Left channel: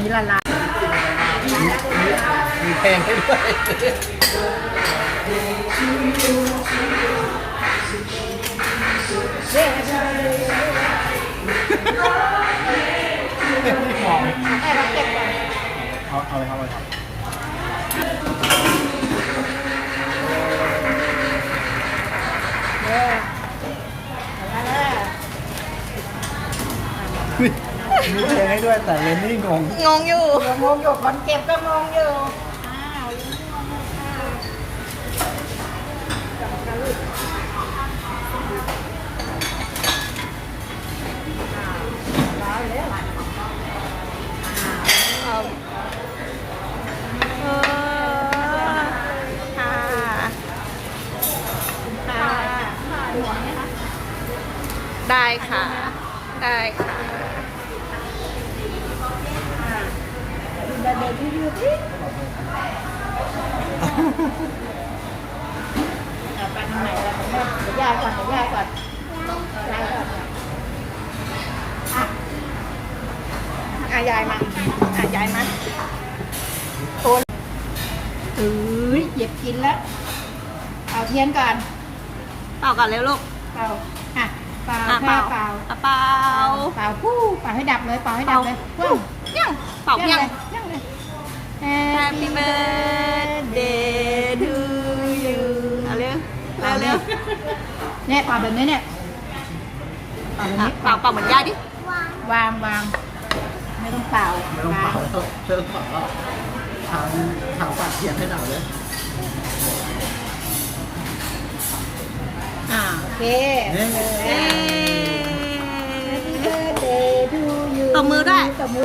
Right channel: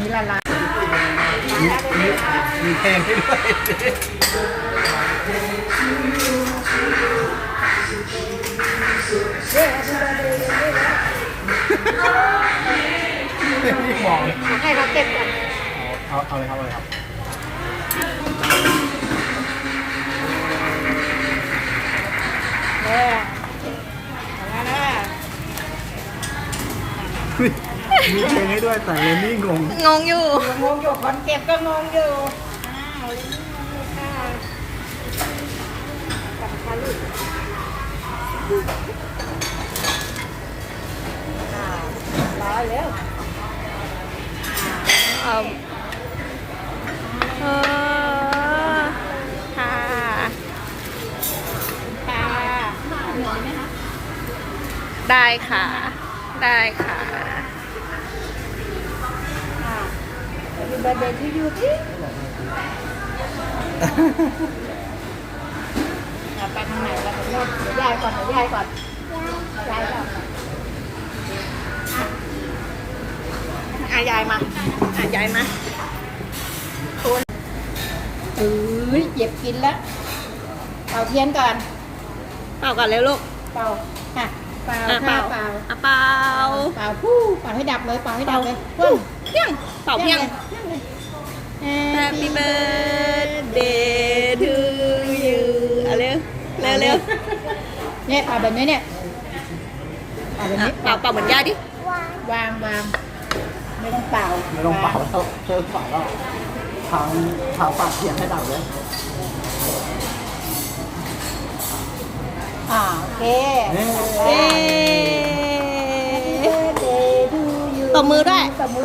นี้ละลายมีมีแทงให้ด้วยเรียกให้เธอเลยเรียกให้นี่มองให้เขาเก็บก่อนเอาเอาเลยครับเอาเลยครับเอ อเอาละมีแทงให้ด้วยแต่เลนนี่งงงงอยู่ งงอยู่คนเก็บก็งงอยู่อ้าวลิ้นงงอยู่ค่ะกลับมาลูกอ้าวร้อยแล้วเอาเออค่ะค่ะได้ค่ะ ได้ค่ะ ดูประเด็นที่อยู่ที่เอาไปทางไหนแล้วผมว่าเดี๋ยวยายก่อนเดี๋ยวยายก่อนยายก่อนอะยายมาอะยายมาเอ้ยเจ็บกินแล้วเอาเทียนก่อนเป่าก่อนเร็วลูก เป่าอะเป่าอะเป่า เป่าอะเป่า เป่าผู้เป่าให้ดับเลยเป่าให้ดัเป่าบเลยเพียงเป่าเพียงเพียงเลย Happy birthday to you เอาเร็วเร็วเร็วเนี่ยเป่าแบบนี้เนี่ยเป่าแบบอะนี้เป่าเป่าเหมือนยายดิวางวางไม่ต้องเป่าไม่ต้องเป่าแล้วเชิญเป่าแล้วทางทางปากเทียนให้ดับเลยอ่าโอเคนี่ เย้ตตบมือด้วย ตบมือ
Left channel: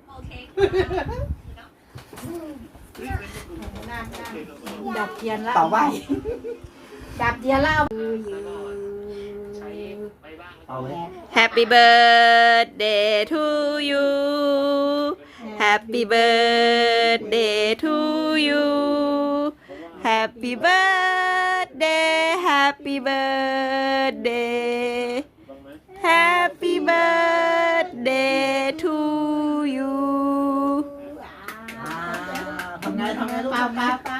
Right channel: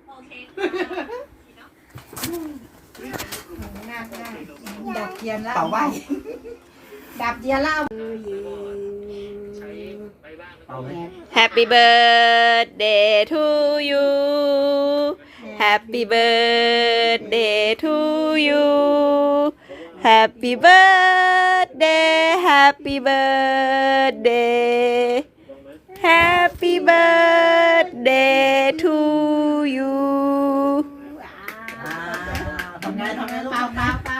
เที่ยงเลยเป่าหน้าหน้าดับเทียนแล้วเป่าว่าดับเทียนแล้วเป่าเลย Happy birthday to you Happy birthday to you Happy birthday Happy birthday Happy birthday to you อ่าทำไงทำไงลูก เป่า ทำไง เป่าเป่า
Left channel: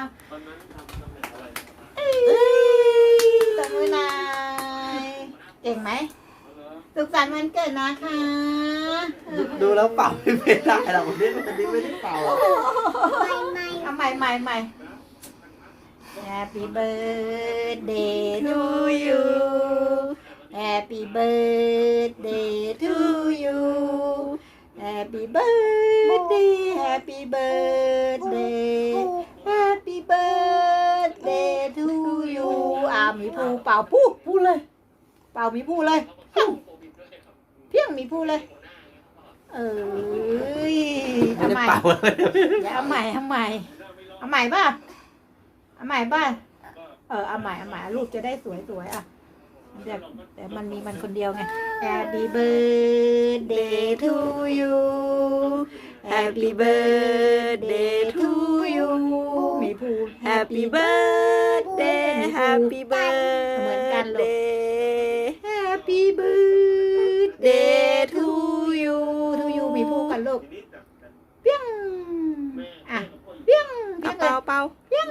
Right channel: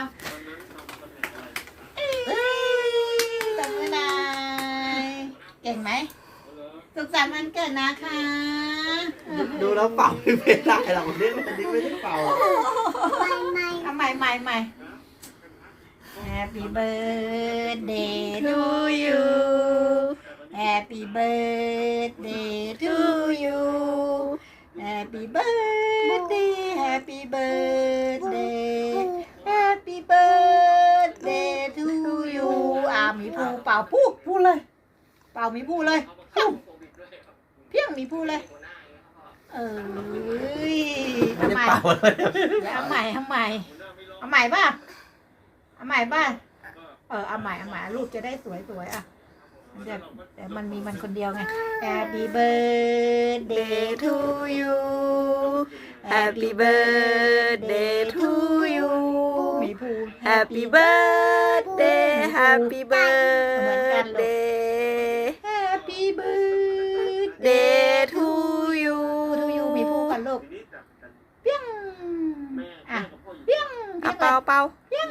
ตบมือหน่อยเก่งไหมสุขสันต์วันเกิดนะคะดูแล้วเป่าไม่ได้หรอกนี่อันนี้ไม่ได้เป่าเอาใหม่ใหม่ใหม่ Happy birthday to you Happy birthday to you Happy birthday Happy birthday Happy birthday to you อ่ามีภูเป่าพูดพูดเลย เป่ามีพูดเลยเพียงเพียงมีพูดเลย เอ้ยไม่ทำได้ไมเป่าเลยเอาใหม่เอาใหม่เอาใหม่ป่ะเอาใหม่ป่ะเออเอาใหม่เอาใหม่รูปจะได้สวยสวยๆอะมันจะแต่มันมีมันคนเดียวไง Happy birthday Day to you Happy birthday to you มีภู Happy birthday Happy birthday Happy birthday Day to you ทูยูมีภูกันลูกเปี้ยงอะเปี้ยง อะเป่าเป่า เปี้ยง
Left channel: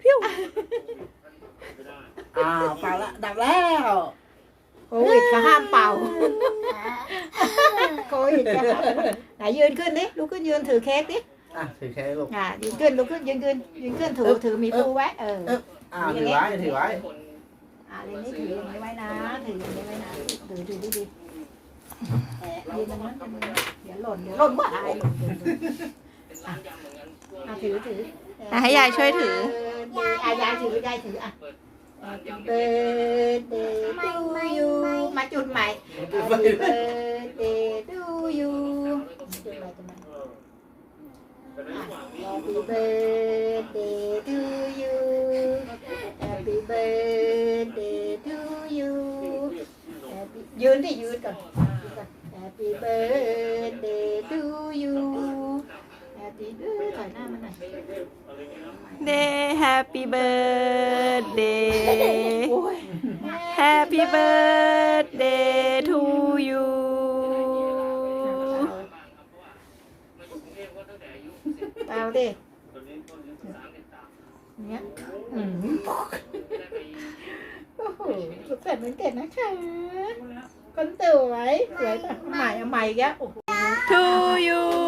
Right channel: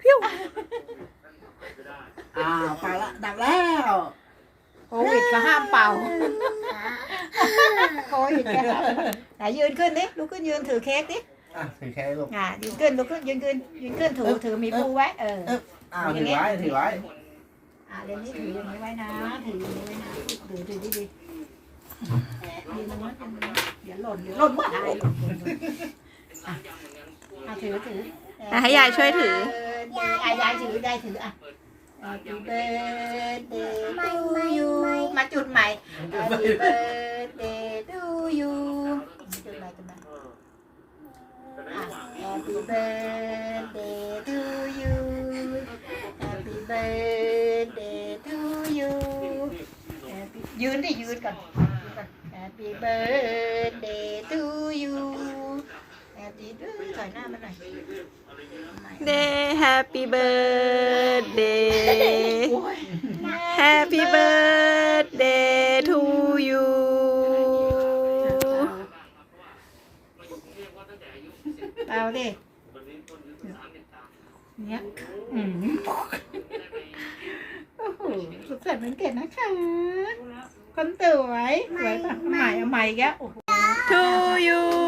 พิ้ว อ่าเป่าแล้วดับแล้วโควิดก็ห้ามเป่าโควิดก็ไหนยืนขึ้นดิลุกขึ้นยืนถือเค้กดิอะถือแค่ลูกอะยืนขึ้นลุกขึ้นยืนขึ้นยืนขึ้นถือถือมีภูไว้เอออ่าถือไว้ถือไว้อะเรนนี่ถืออย่างนี้ไว้นะถืออย่างนี้ไว้นะถือถือดีดีๆเอ๊ะยืนตรงนั้นยืนตรงนั้นเดี๋ยวหล่นเดี๋ยวหล่นเมื่อไหร่หล่นหล่นหล่นอะอะถือถืออะให้ยายช่วยถืออะยายถือยายถืออะ Happy birthday to you mà chuột mày happy birthday to you chuột mày chuột mày Happy birthday to you. Happy birthday to you. Happy... ยืนดิยืนก่อน Happy birthday to you. Happy ดื้อถอยหน้ามาหน่อย Day Happy birthday โอ้ย Happy birthday to you เปล่าดิเนี่ยอืมโอ้โหสุขสันต์วันเกิดนะคะคนสวยสวยปะใหม่เอาใหม่อีกแล้วโอ้โห to you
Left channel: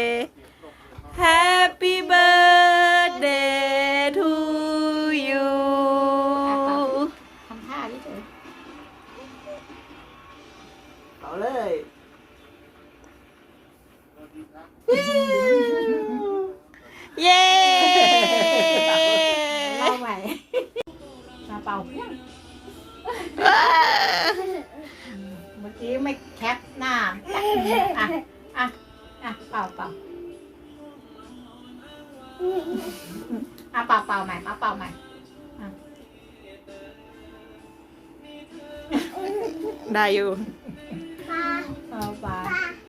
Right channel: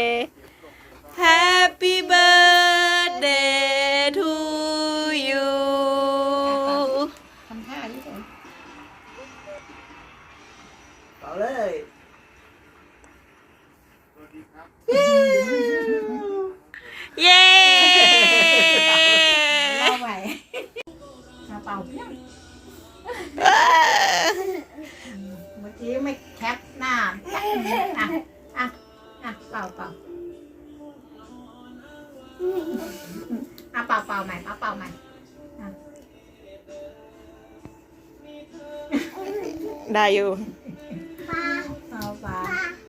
ป่าเพียงเมื่อกี้ไม่แท็กหน้าอะอะอะเป่าเป่าอะเป่าเป่าใหม่เป่าเป่าใหม่ได้อยู่เป่าเป่า